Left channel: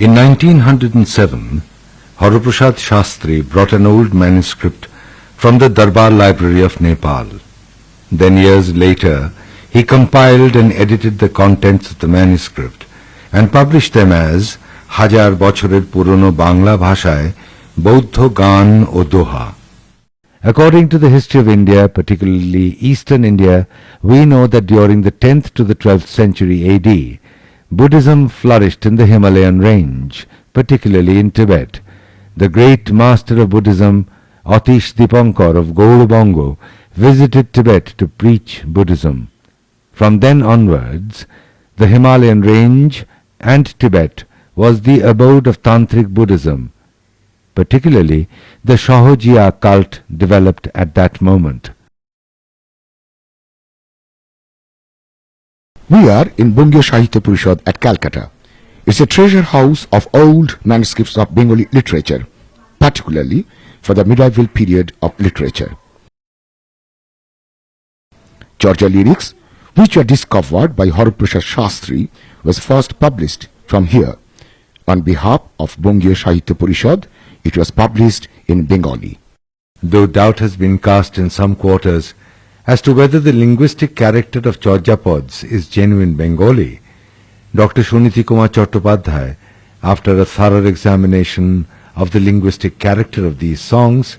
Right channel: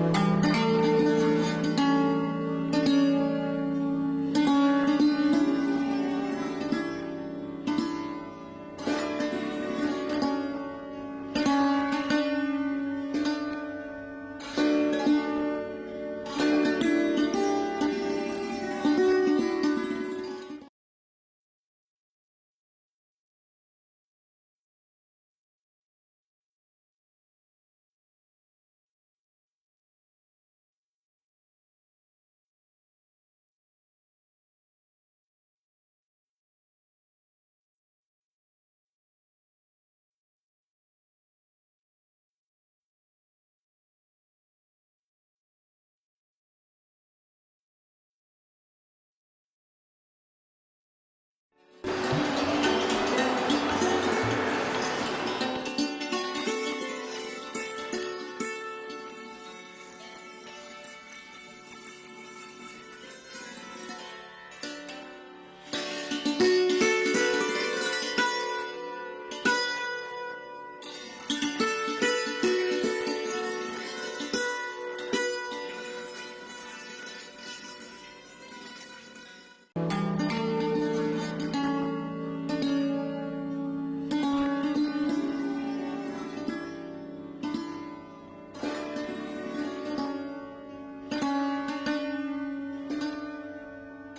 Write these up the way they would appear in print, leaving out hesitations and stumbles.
In 1907, Hariprasad Shastri brought an old manuscript from the Darbar Library of Nepal. Then years later, he compiled and edited the contents of the manuscript and published them as Hajar Bochorer Purono Bangla Bhashaয় Bauddha Gan o Doha. According to the history of India, particularly Eastern India, we know that during the 10th to the 12th century AD, Buddhism flourished in the Himalayan range, particularly in Tibet. The great master of Buddhism, Atish Dipankar of Gaurabongo, visited Tibet to preach Buddhism. From then onwards, the Himalayan range and Tibet was the abode of Tantric Buddhism. Particularly, the Shahojiya cult developed at that moment. We are in Bungya Sahitya Parishad at Calcutta. It's a treasure house of old manuscripts of Bengali literature, particularly for the medieval period of literature. Georgia lyrics, which were discovered by Hariprasad Shastri, was first published from here. On behalf of Bungya Sahitya Parishad, it was published in Bengali. Though doubt has been cast in some quarters as to whether the linguistic character of Chorjapads is genuine Bengali, Dr. Suniti Kumar Chattopadhyay, after a thorough examination of the linguistic character of these songs,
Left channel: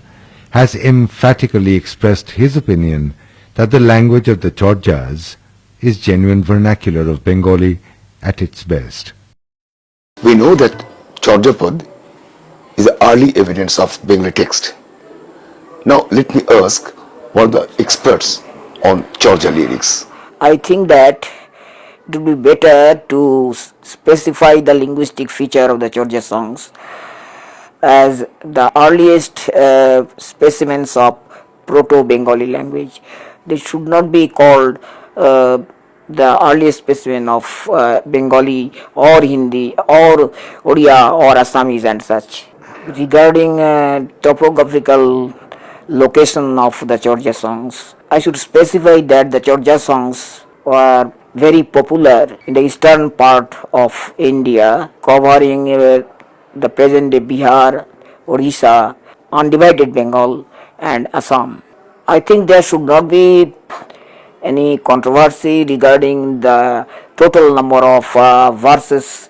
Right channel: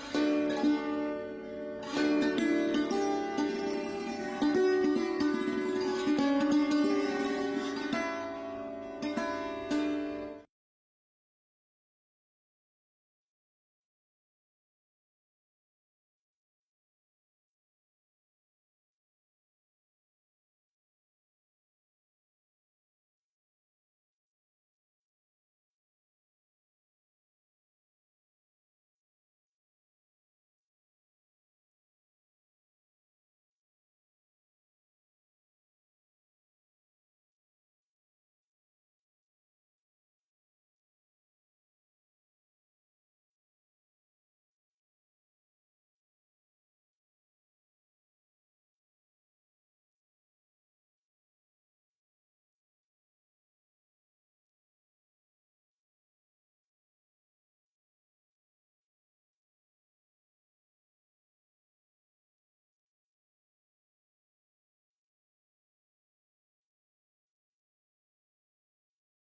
has emphatically expressed his opinion that the language of the Chorjas is genuine vernacular of Bengali at its best. We know that Chorjapad is the early evidence of Bengali text. Now let me ask what are the experts on Chorja lyrics. I think that it would be better to specify the linguistic feature of the Chorja songs as the earliest specimens of Proto-Bengali language. They should not be called the earliest specimen of Bengali or Hindi or Oriya or Assamese and such. Regarding topographical location of the Chorja songs, I should specify that the Chorja songs were very popular in the eastern part of India, covering the present-day Bihar, Orissa, undivided Bengal and Assam. I think there should not be any controversy regarding the total number of verses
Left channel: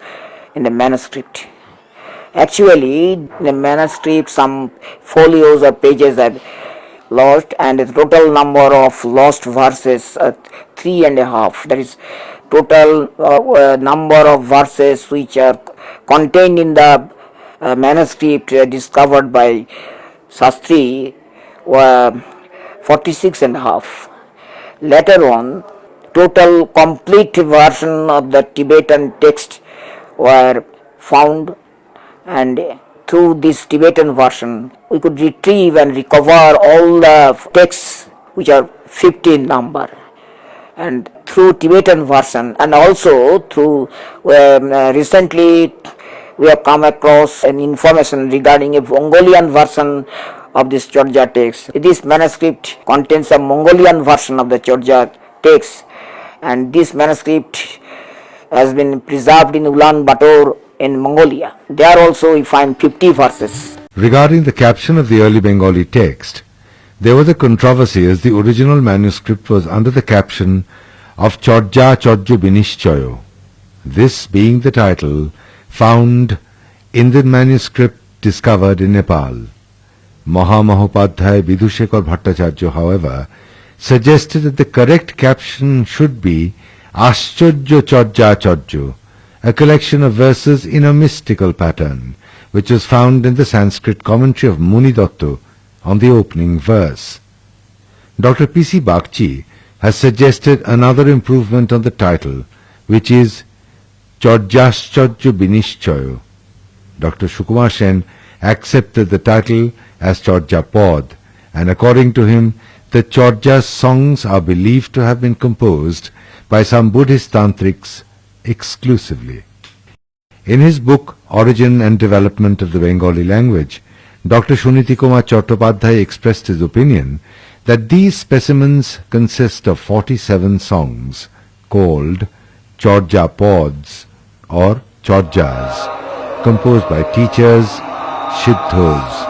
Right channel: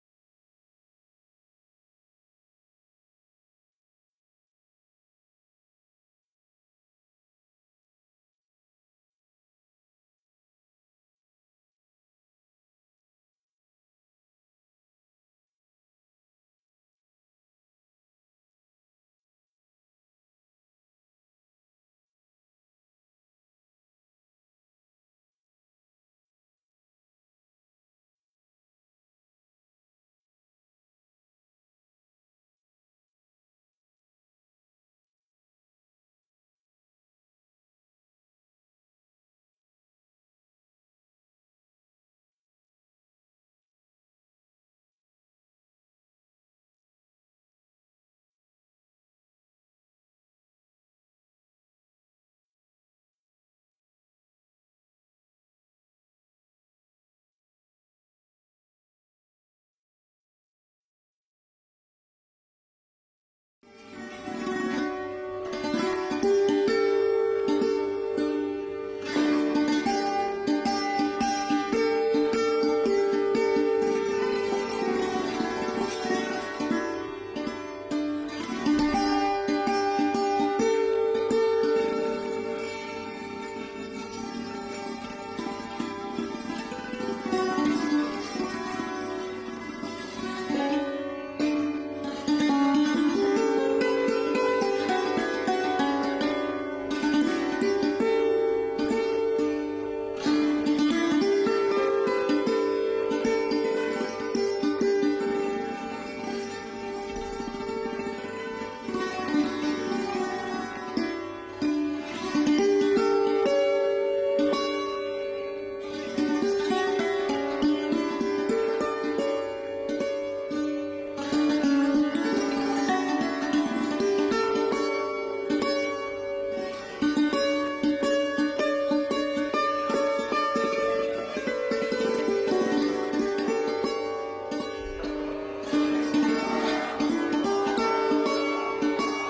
in the manuscript. Actually, the manuscript, some folios or pages are lost, and the total number of lost verses 3.5. That is, total number of verses which are contained in the manuscript discovered by Shastri were 46.5. Later on, total complete version of the Tibetan text were found, and through this Tibetan version we could retrieve and recover all the texts which are 50 in number. And through Tibetan version, and also through recently we have come across an information regarding a Mongolian version of this Chorja text. This manuscript contains a Mongolian version of the Chorja text, and this manuscript has been preserved in Ulaanbaatar in Mongolia. There also we find 50 verses. Regarding the caption of the early Bengali text, there was a controversy as the original manuscript was under the caption of Chorja Chorjo Binishchoyo, this being the title found in the manuscript discovered in Nepal. Mahamahopadhyay Vidushekar Bhattacharya, however, suggested that the correct caption should be Ascharya Chorja Chorjo, a collection of verses in a mystical pattern, which was found in the Sanskrit commentary of Muni Datta on the opening verse. Dr. P.C. Bagchi has suggested another improvement on the title, which is Chorjascharya Binishchoyo. Dr. Sukumar Sen accepted the title as Chorjapad, and according to him, the Chorja songs are believed to have been composed by some Buddhist tantrics exclusively. In his book Origin and Development of the Bengali Language, Dr. Suniti Kumar Chattopadhyay expressed his opinion that these specimens consist of 47 songs called Chorja pods or Chorjas, composed by teachers, Siddhos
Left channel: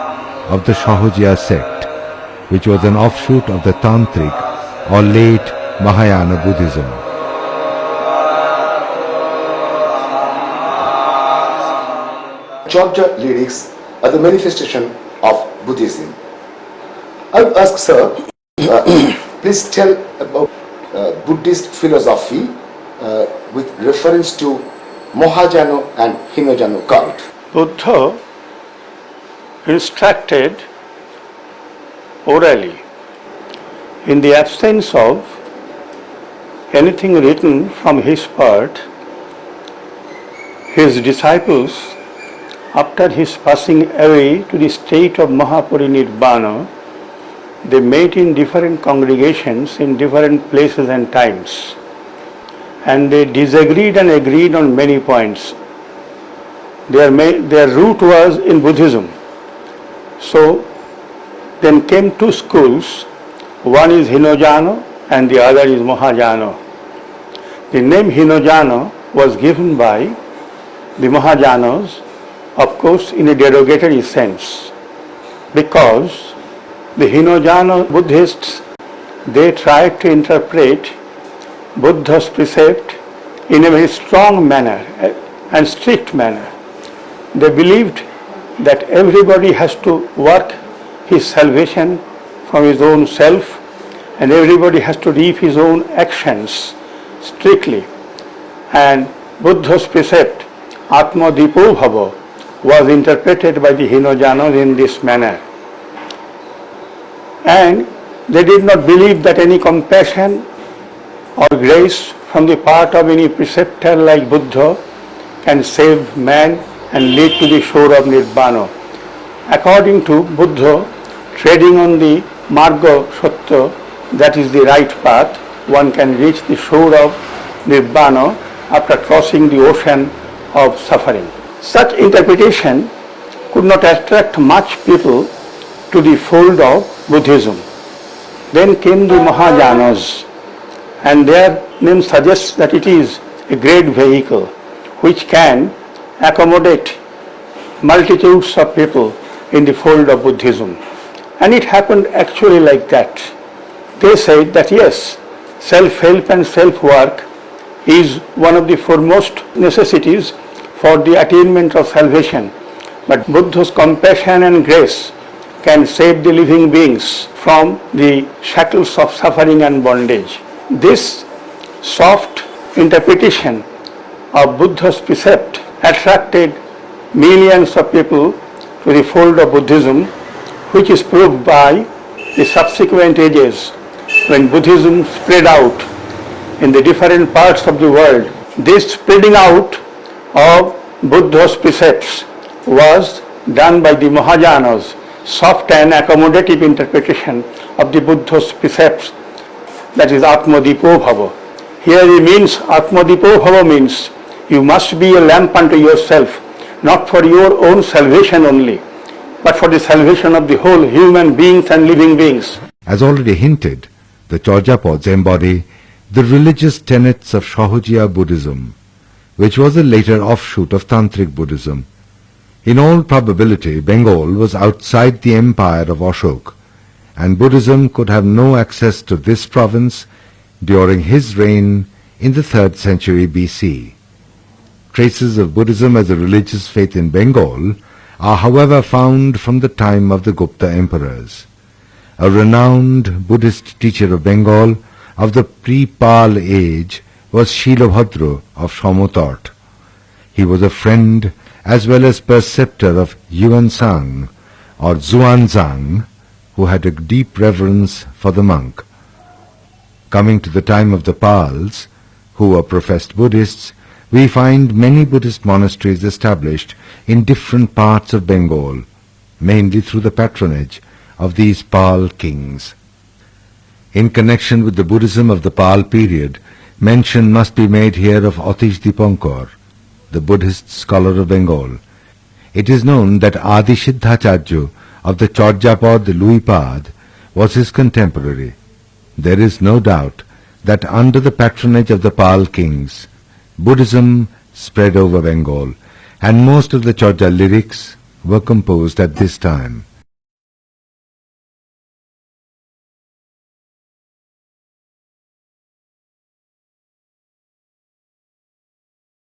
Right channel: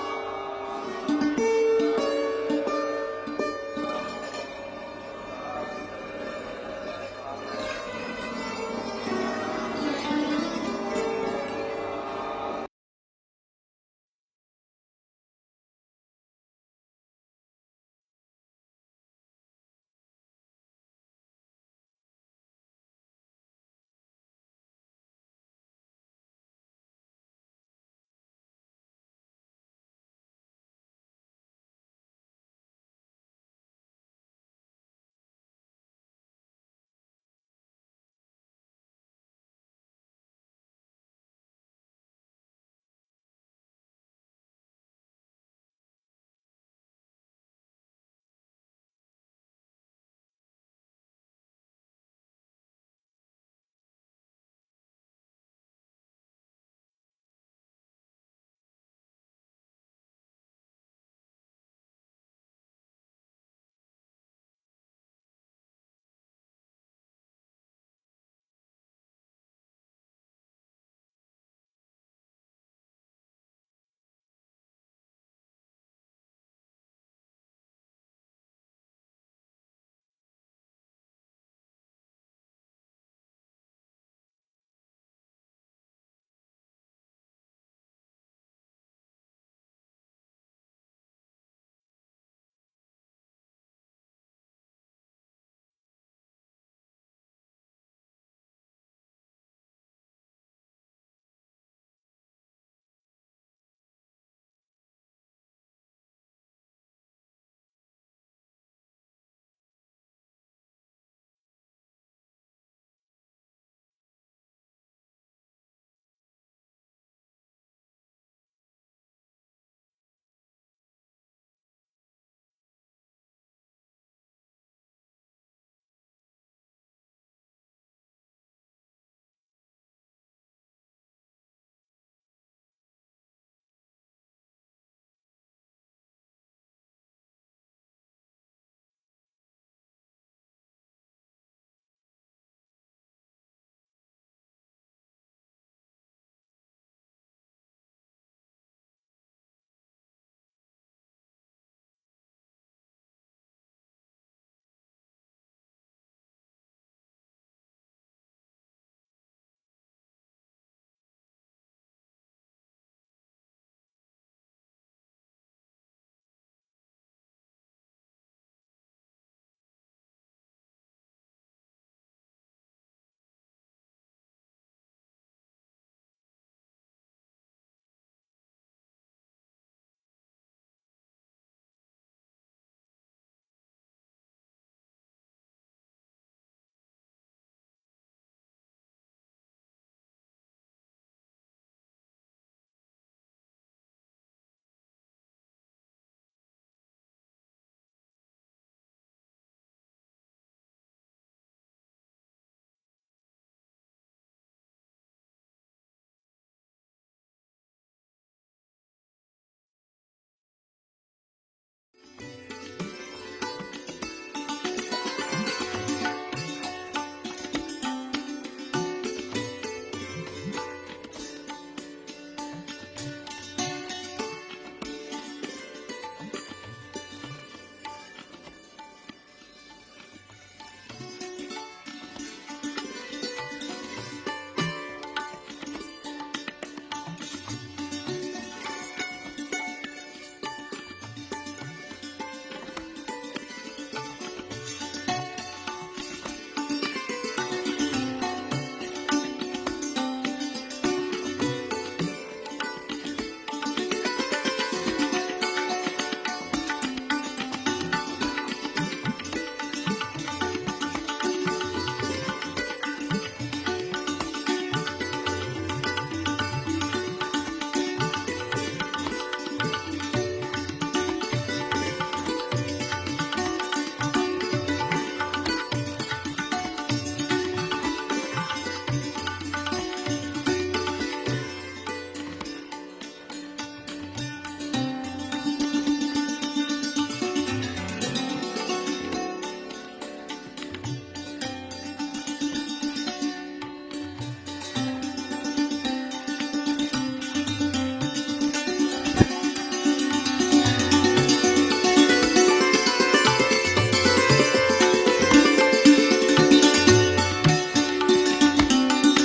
of the Sahajiya sect, which was an offshoot of the Tantric or late Mahayana Buddhism. Chorja lyrics are the manifestation of Buddhism. I would ask, sir, please tell about Buddhist philosophy with reference to Mahajano and Hinojano cult. Buddha instructed orally. In the absence of anything written from his part, his disciples, after his passing away to the state of Mahaparinirvana, they met in different congregations in different places and times, and they disagreed and agreed on many points. Their root was in Buddhism. So then came two schools, one is Hinojano and the other is Mahajano. The name Hinojano was given by the Mahajanos, of course in a derogatory sense, because the Hinojano Buddhists, they tried to interpret Buddha's precept in a very strong manner and strict manner. They believed that everybody has to work his salvation from his own self, and everybody has to reap his own actions strictly. And Buddha's precept, Atma Dipo Bhava, was interpreted by the Hinojanos in this manner. And they did not believe that any compassion or grace from the part of any preceptor like Buddha can save man and lead to the shore of Nirvana. According to Buddha, treading on the Marga Satya, that is the right path, one can reach the shore of Nirvana after crossing the ocean of suffering. Such interpretation could not attract much people to the fold of Buddhism. Then came the Mahajanas, and their name suggests that it is a great vehicle which can accommodate multitudes of people in the fold of Buddhism. And it happened actually like that. They said that yes, self-help and self-work is one of the foremost necessities for the attainment of salvation. But Buddha's compassion and grace can save the living beings from the shackles of suffering and bondage. This soft interpretation of Buddha's precept attracted millions of people to the fold of Buddhism, which is proved by the subsequent ages when Buddhism spread out in the different parts of the world. This spreading out of Buddha's precepts was done by the Mahajanas, soft and accommodative interpretation of the Buddha's precepts, that is Atma Dipo Bhava. Here it means, Atma Dipo Bhava means you must be a lamp unto yourself, not for your own salvation only, but for the salvation of the whole human beings and living beings. As already hinted, the Chorjapods embody the religious tenets of Sahajiya Buddhism, which was a later offshoot of Tantric Buddhism. In all probability, Bengal was outside the empire of Ashok, and Buddhism could have no access to this province during his reign in the 3rd century BC. Traces of Buddhism as a religious faith in Bengal are however found from the time of the Gupta emperors. A renowned Buddhist teacher of Bengal of the pre-Pal age was Shilabhadra of Samotort. He was a friend as well as preceptor of Yuan-sang or Zuan-zang, who had a deep reverence for the monk. Coming to the time of the Pals, who were professed Buddhists, we find many Buddhist monasteries established in different parts of Bengal, mainly through the patronage of these Pal kings. In connection with the Buddhism of the Pal period, mention must be made here of Atish Dipankar, the Buddhist scholar of Bengal. It is known that Adi Siddhacharya of the Chorjapad Luipad was his contemporary. There is no doubt that under the patronage of the Pal kings, Buddhism spread over Bengal, and most of the Chorja lyrics were composed at this time.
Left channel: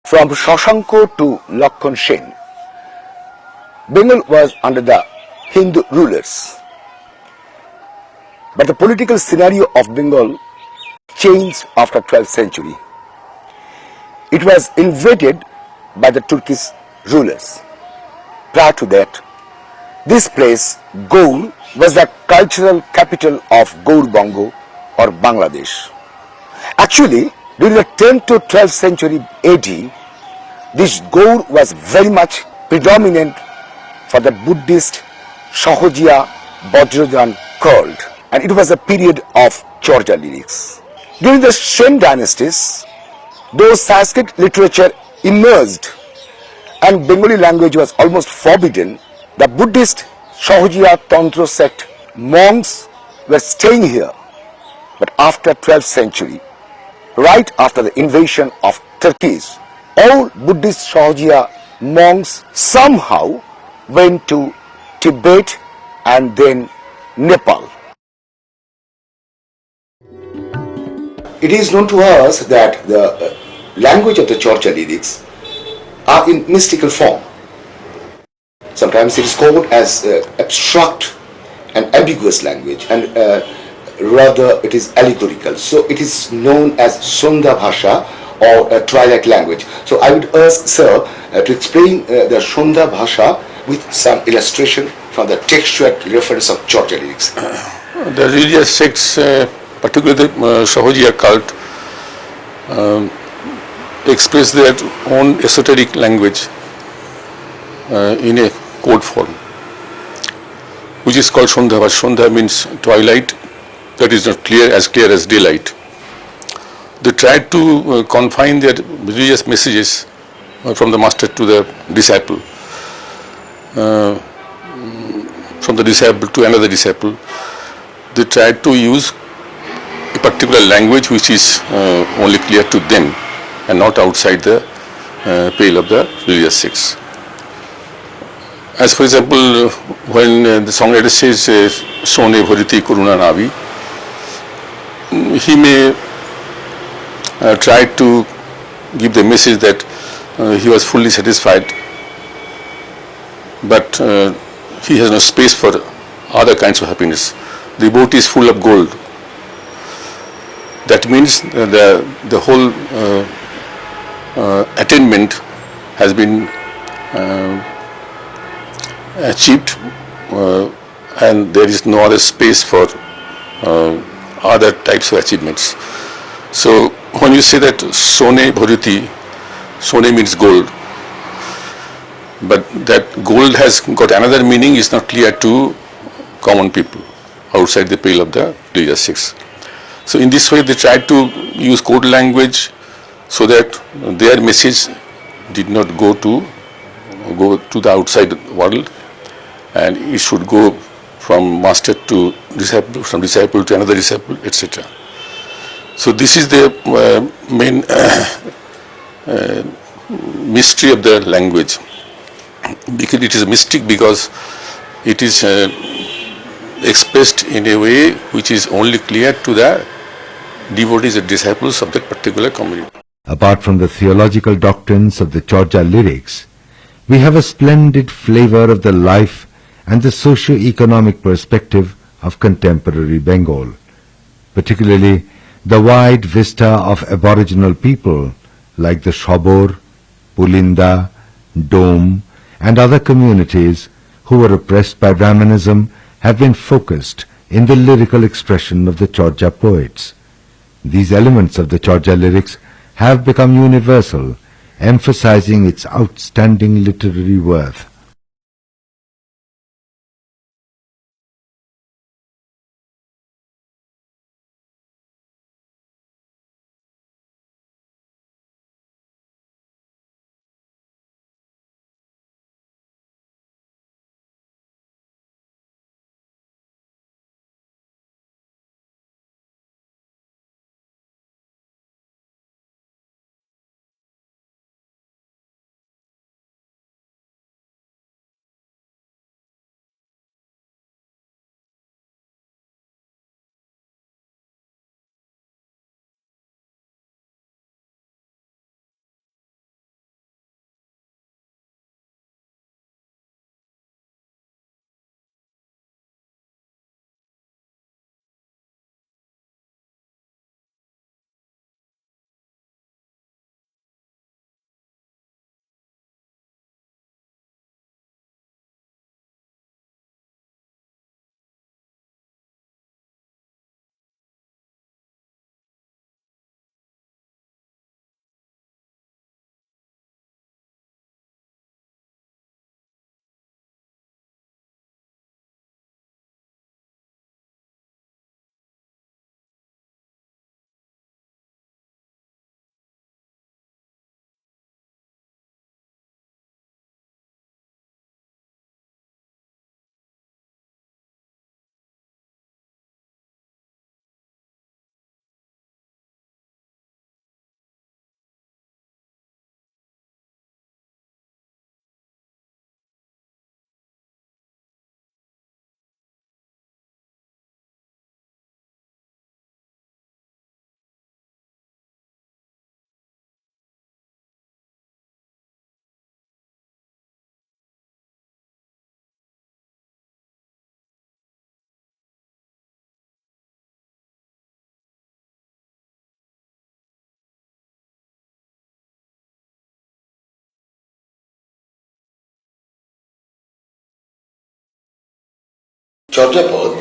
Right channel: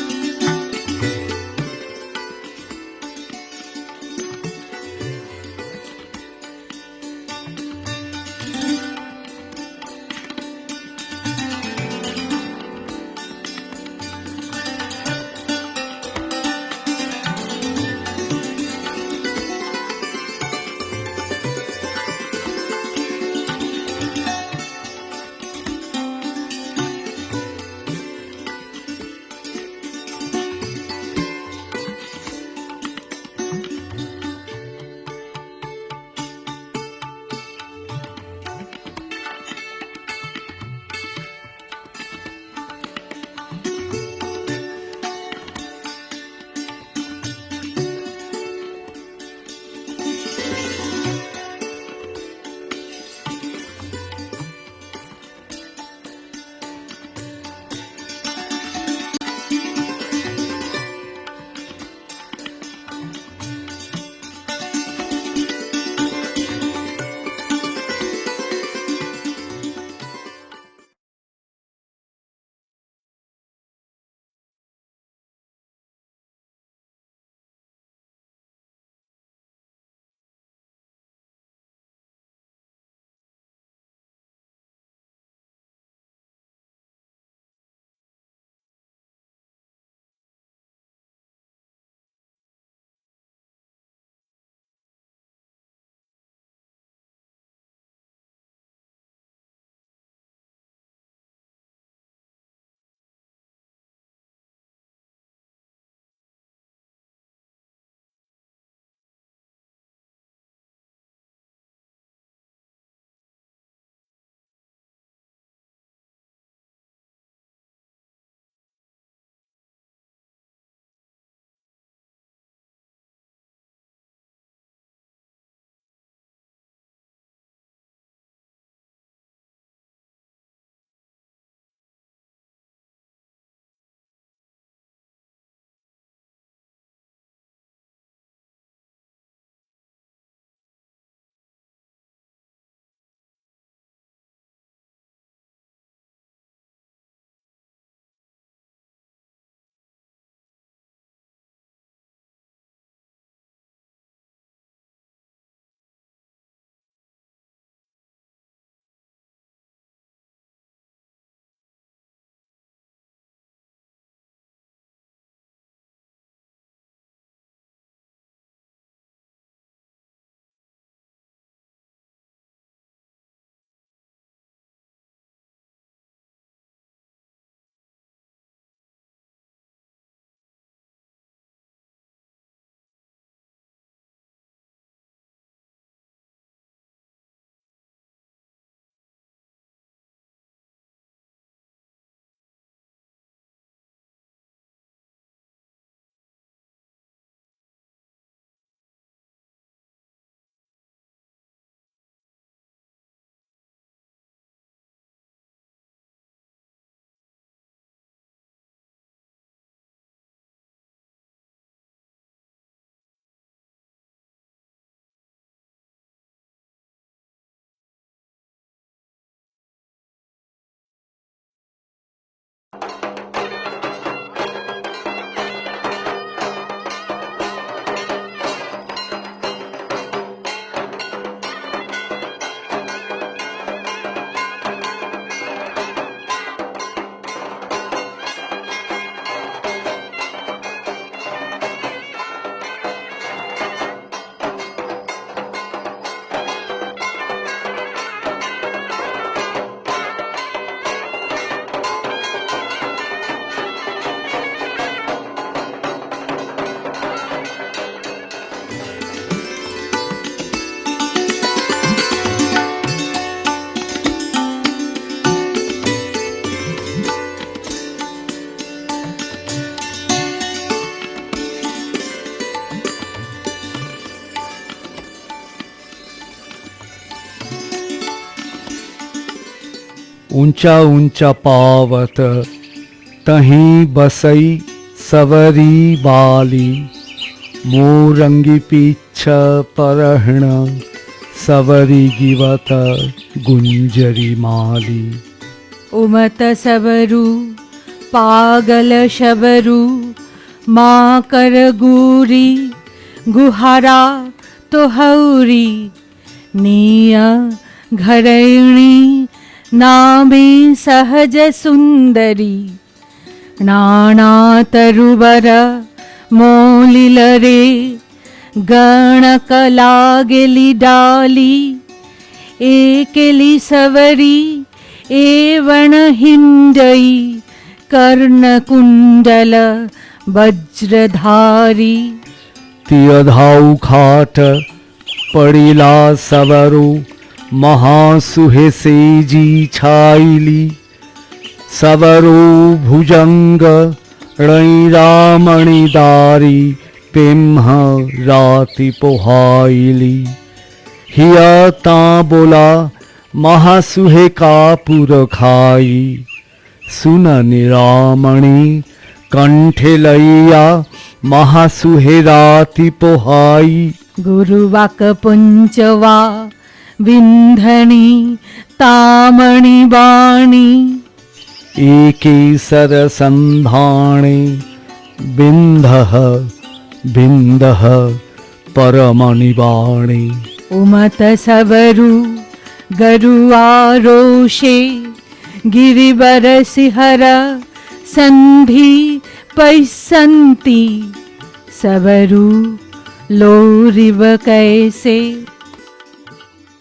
From Shashanko to Lakhan Singh, Bengal was under the Hindu rulers. But the political scenario of Bengal changed after 12th century. It was invaded by the Turkish rulers. Prior to that, this place, Gaur, was the cultural capital of Gaur Bongo or Bangladesh. Actually, during the 10th to 12th century AD, this Gaur was very much predominant for the Buddhist Sahojiya Vajradhan cult, and it was a period of Chorja lyrics. During the Shen dynasties, though Sanskrit literature emerged and Bengali language was almost forbidden, the Buddhist Sahojiya Tantra sect monks were staying here. But after 12th century, right after the invasion of Turkeys, all Buddhist Sahojiya monks somehow went to Tibet and then Nepal. It is known to us that the language of the Chorja lyrics are in mystical form. Sometimes it is called as abstract and ambiguous language, and rather it is allegorical. So it is known as Sondha Bhasha or a twilight language. So I would ask Sir to explain the Sondha Bhasha with some illustration from the textual reference of Chorja lyrics. The religious sects, particularly the Sahojiya cult, express their own esoteric language in a code form, which is called Sondha Bhasha. Sondha means twilight, that is not clear as daylight. They try to confine their religious messages from the master to the disciple, from the disciple to another disciple. They try to use a particular language which is only clear to them and not outside the pale of the religious sects. As for example, when the songwriter says Sone Bhariti Karuna Navi, he may try to give the message that he was fully satisfied, but he has no space for other kinds of happiness. The boat is full of gold. That means the whole attainment has been achieved, and there is no other space for other types of achievements. So when you say that Sone Bhariti, Sone means gold, but that gold has got another meaning is not clear to common people outside the pale of the religious sects. So in this way they try to use code language so that their message did not go to the outside world, and it should go from master to disciple, from disciple to another disciple, etc. So this is the main mystery of the language. Because it is mystic, because it is expressed in a way which is only clear to the devotees and disciples of that particular community. Apart from the theological doctrines of the Chorja lyrics, we have a splendid flavor of the life and the socio-economic perspective of contemporary Bengal, particularly the wide vista of aboriginal people like the Shobor, Pulinda, Dome and other communities who were oppressed by Brahmanism have been focused in the lyrical expression of the Chorja poets. These elements of the Chorja lyrics have become universal, emphasizing its outstanding literary worth. ऊंचा ऊंचा पावत तहीं बसई सवरी बाली मोरंगी पीछ परहण सवरी गिवत गुंजरी माली। उमत सबरू पागल शबरू माँ कर गूरी गुहारा तो हौरी निया घरैणी नामे सहज सुंदरी नाना तरुबर मोलिल रे गणक लागेली डाली एकेली सवरी एवण हिंडई कर्ण कुंडल वज्रधारी। तियधाऊ खाट पड़िला सवरो महासुहे सेजी छाइली सवरो भुजंग रमणीदारी पिम्ह राति पोहाइली। हिया ता बोला महासुहे कापुर खाई सुन निरामणी कंठे लैया महासुहे राति पोहाई। गुरुवाक पुंचवा विंधनी तामणी बाणी एके सरसंधाणे बिंदह बिंदह परमणि बाणी। उमत सबरू गरुआरोषे गिरिवर सिहर संधि पैसंती सबरू लोरिव कैसे। Chaujapad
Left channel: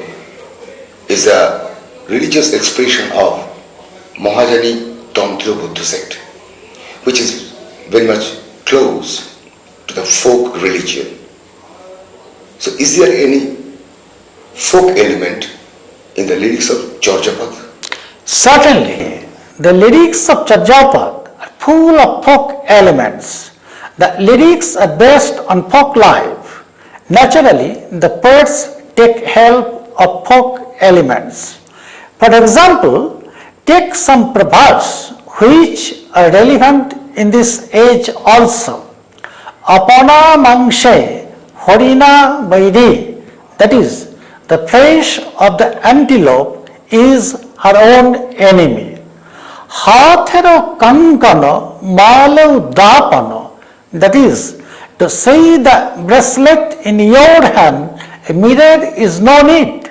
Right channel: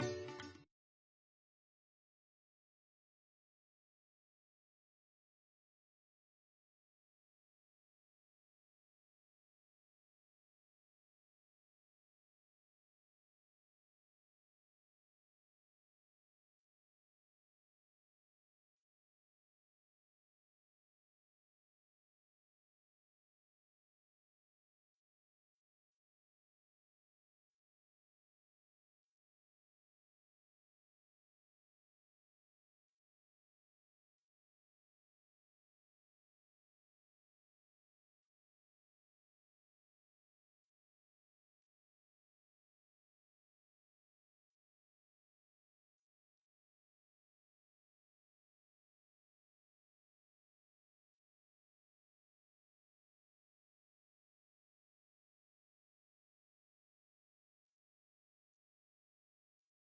is a religious expression of Mahajani Tantra Buddha sect, which is very much close to the folk religion. So is there any folk element in the lyrics of Chaujapad? Certainly, the lyrics of Chaujapad are full of folk elements. The lyrics are based on folk life. Naturally, the poets take help of folk elements. For example, take some proverbs which are relevant in this age also. Apana mangshe horina vaidi, that is, the flesh of the antelope is her own enemy. Hathero kankano maleu dapano, that is, to see the bracelet in your hand, a mirror is no need.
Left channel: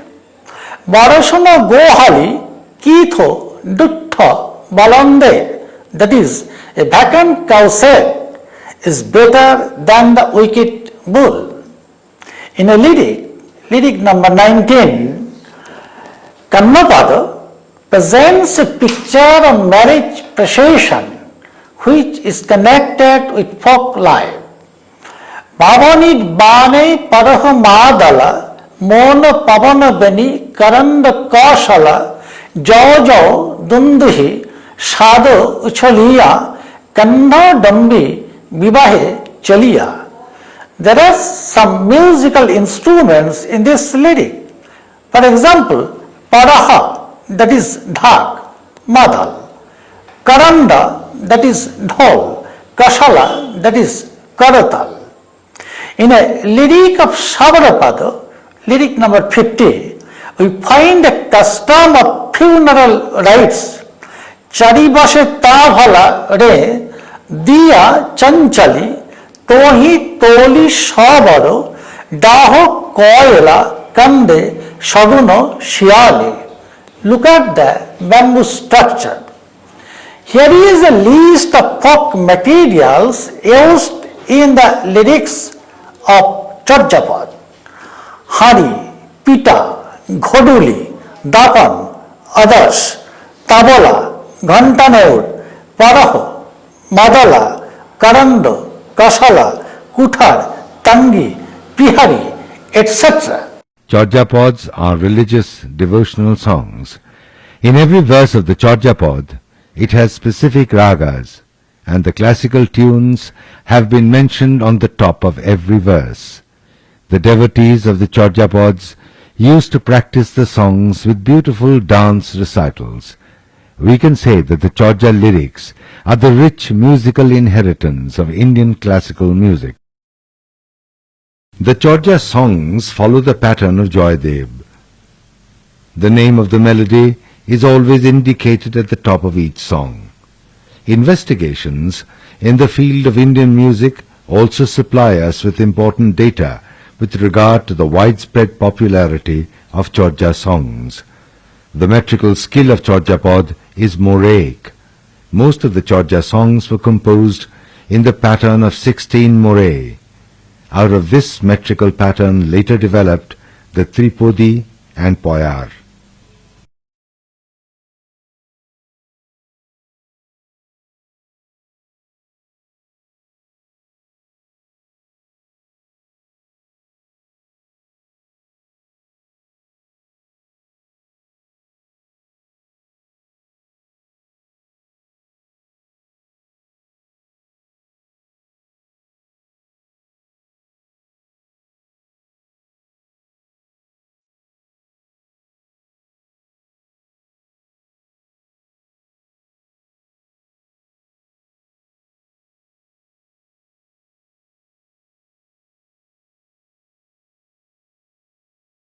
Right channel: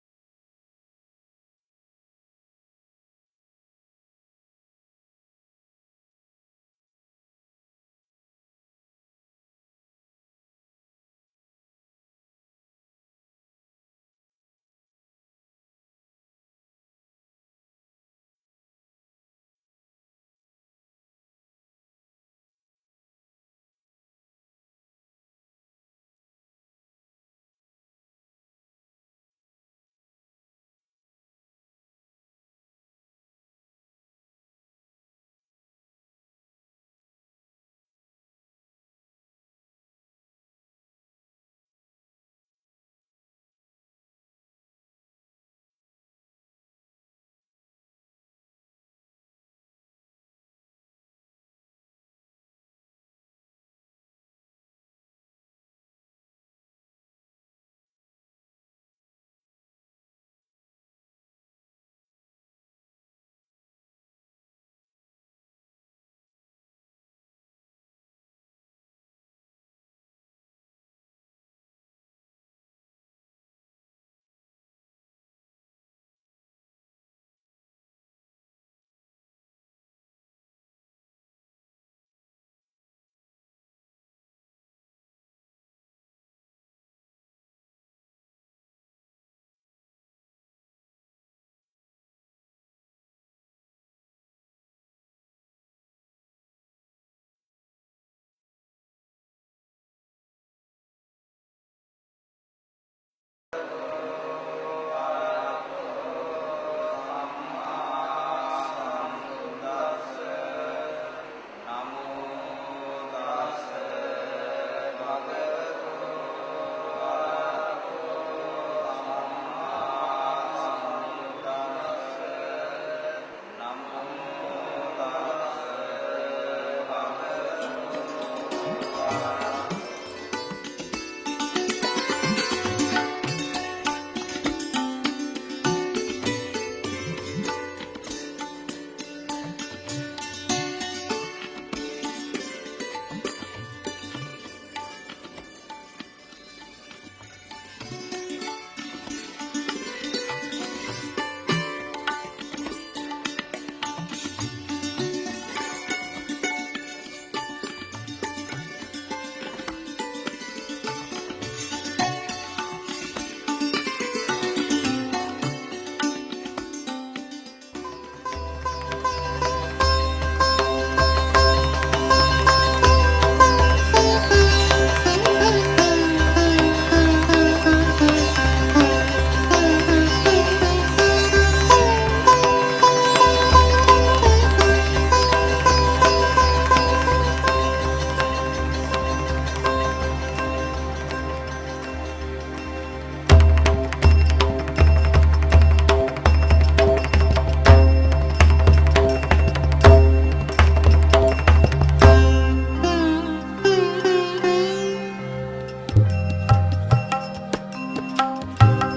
Barashona gohali kitho dutta balande, that is, a vacant cow shed is better than the wicked bull. In a lyric number 19, Kannapada presents a picture of marriage procession which is connected with folk life. Bhavanit bane paraha madala mona pavana beni karanda kaushala jojo dunduhi shado uchaliya kanna dambi vivahe chaliya. There are some musical instruments in this lyric. For example, paraha, that is dhak, madal, karanda, that is dhol, kashala, that is karatal. In a lyric of Savarapada, lyric number 50, we find a custom of funeral rites. Charibashe tavala re diya chanchali tohi toli shabaro daho koyela kande shaguno shiali. Look at the bamboo structure. Here is a list of folk materials used in the lyrics of Chaujapad. Hari, Pita, Ghoduli, Dapan, others, Tabola, Ghantaneur, Paraho, Madala, Karando, Kasala, Kuthar, Tangi, Pihari, etc. Chaujapads are religious devotional songs. In every verse of the Chaujapad, it has specific ragas, and the classical tunes have been mentioned on the top of every verse. The devotees of the Chaujapads used to practice the songs with beautiful dance recitals. We can say that the Chauja lyrics are the rich musical inheritance of Indian classical music. The Chorja songs follow the pattern of Joydev. The name of the melody is always indicated at the top of each song. Investigations in the field of Indian music also supply us with important data with regard to the widespread popularity of Chorja songs. The metrical skill of Chorjapad is Moraic. Most of the Chorja songs were composed in the pattern of 16 Morai. Out of this metrical pattern later developed the Tripodi and Poyar.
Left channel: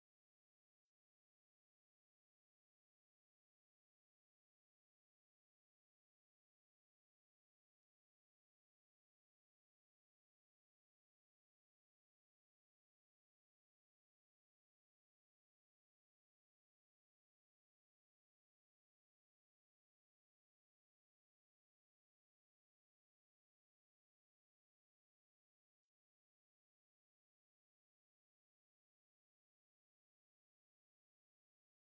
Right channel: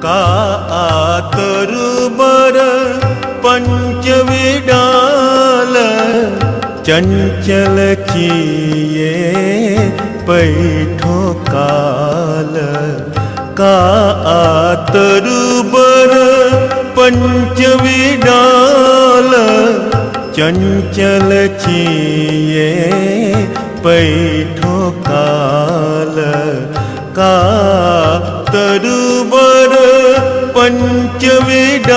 का आतरुबर पंचविडाल चंचल किए पैठो काल का आतरुबर पंचविडाल चंचल किए पैठो काल का तरुबर पंचविडाल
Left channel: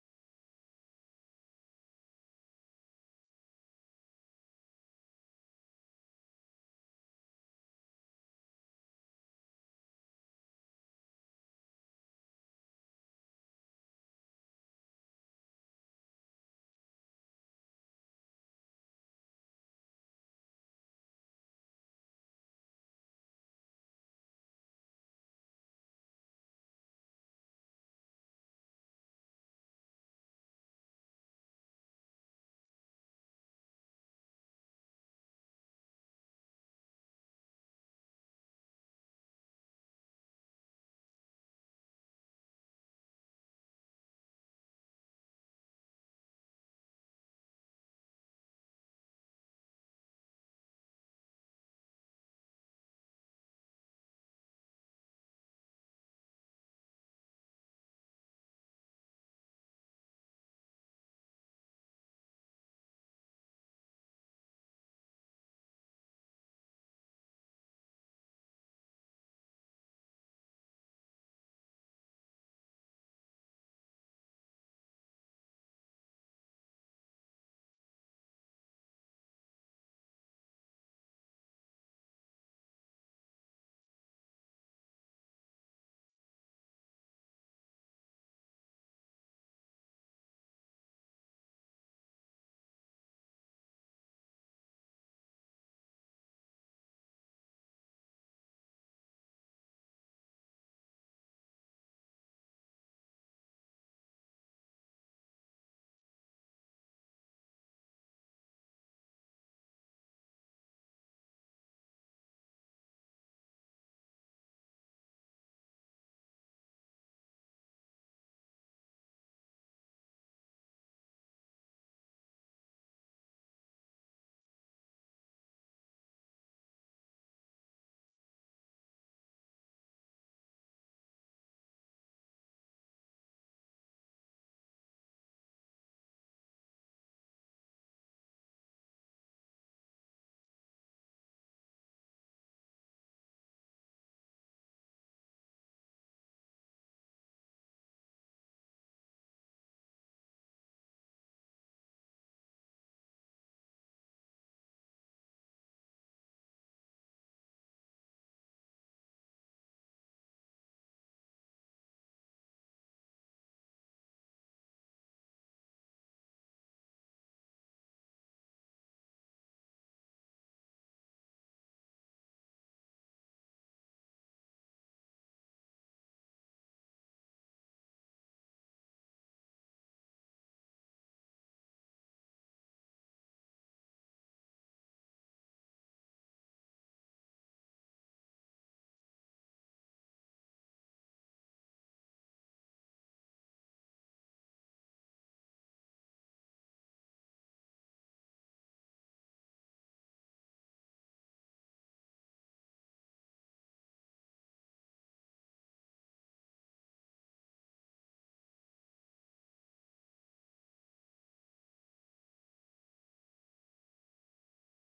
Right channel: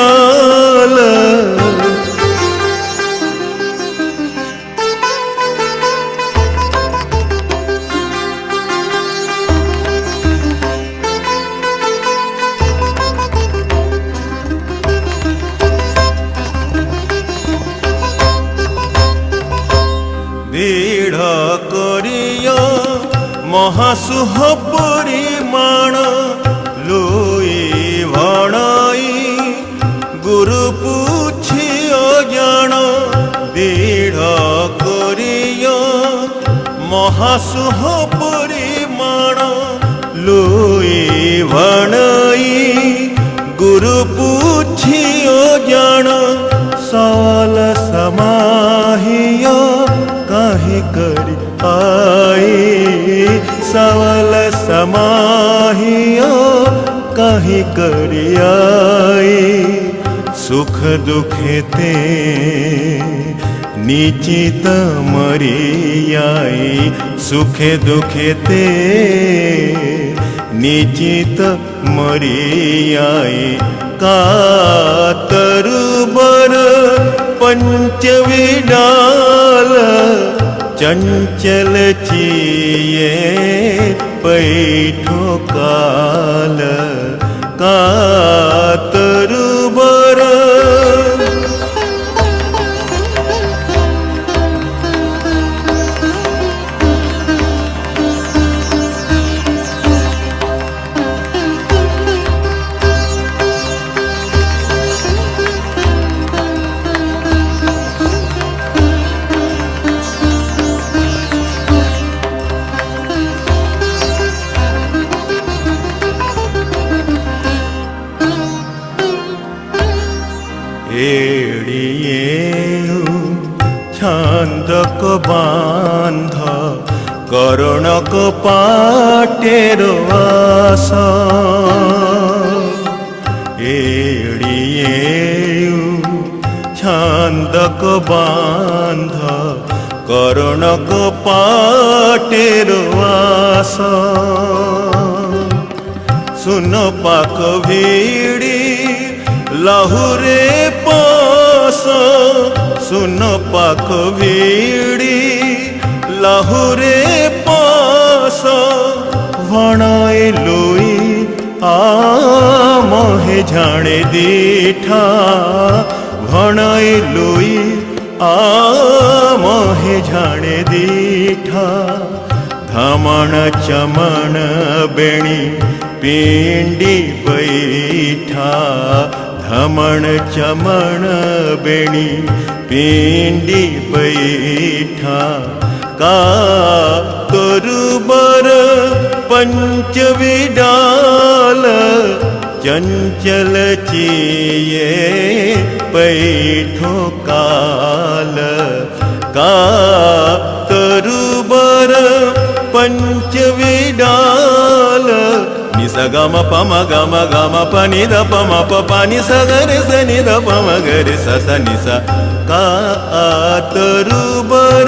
दृढ़ करिया महासुह परिमाण लोई भणाई गुरु पूछियो जान दृढ़ करिया महासुह परिमाण लोई भणाई गुरु पूछियो जान सवाल समाहिया काहे करी आई सवाल समाहिया काहे करी आई सुख दुखेते निचित मरियाई सुखे दुखेते निचित मरियाई कातरुबर पंचविडाल चंचल चिए पैठो काल कातरुबर छांदक बांध करणक पाटेर आस एड़िए छांदक बांध करणक पाटेर आस सुन पाक भीड़ी लाहुरे पास सुन पाक भीड़ी लाहुरे पास भणाए लोई आ मोहे झाणे दीठा भणाए लोई आ मोहे झाणे दीठा धामण चमण बेणी पिंडी बैठा घमण चमण बेणी पिंडी बैठा का तरुबर पंचविडाल चंचल चिये पैठो काल का तरुबर पंचविडाल निसा गम पम गम गम पनि द पम प पनि स गरे स नि द पम गरे स स निसा का तरुबर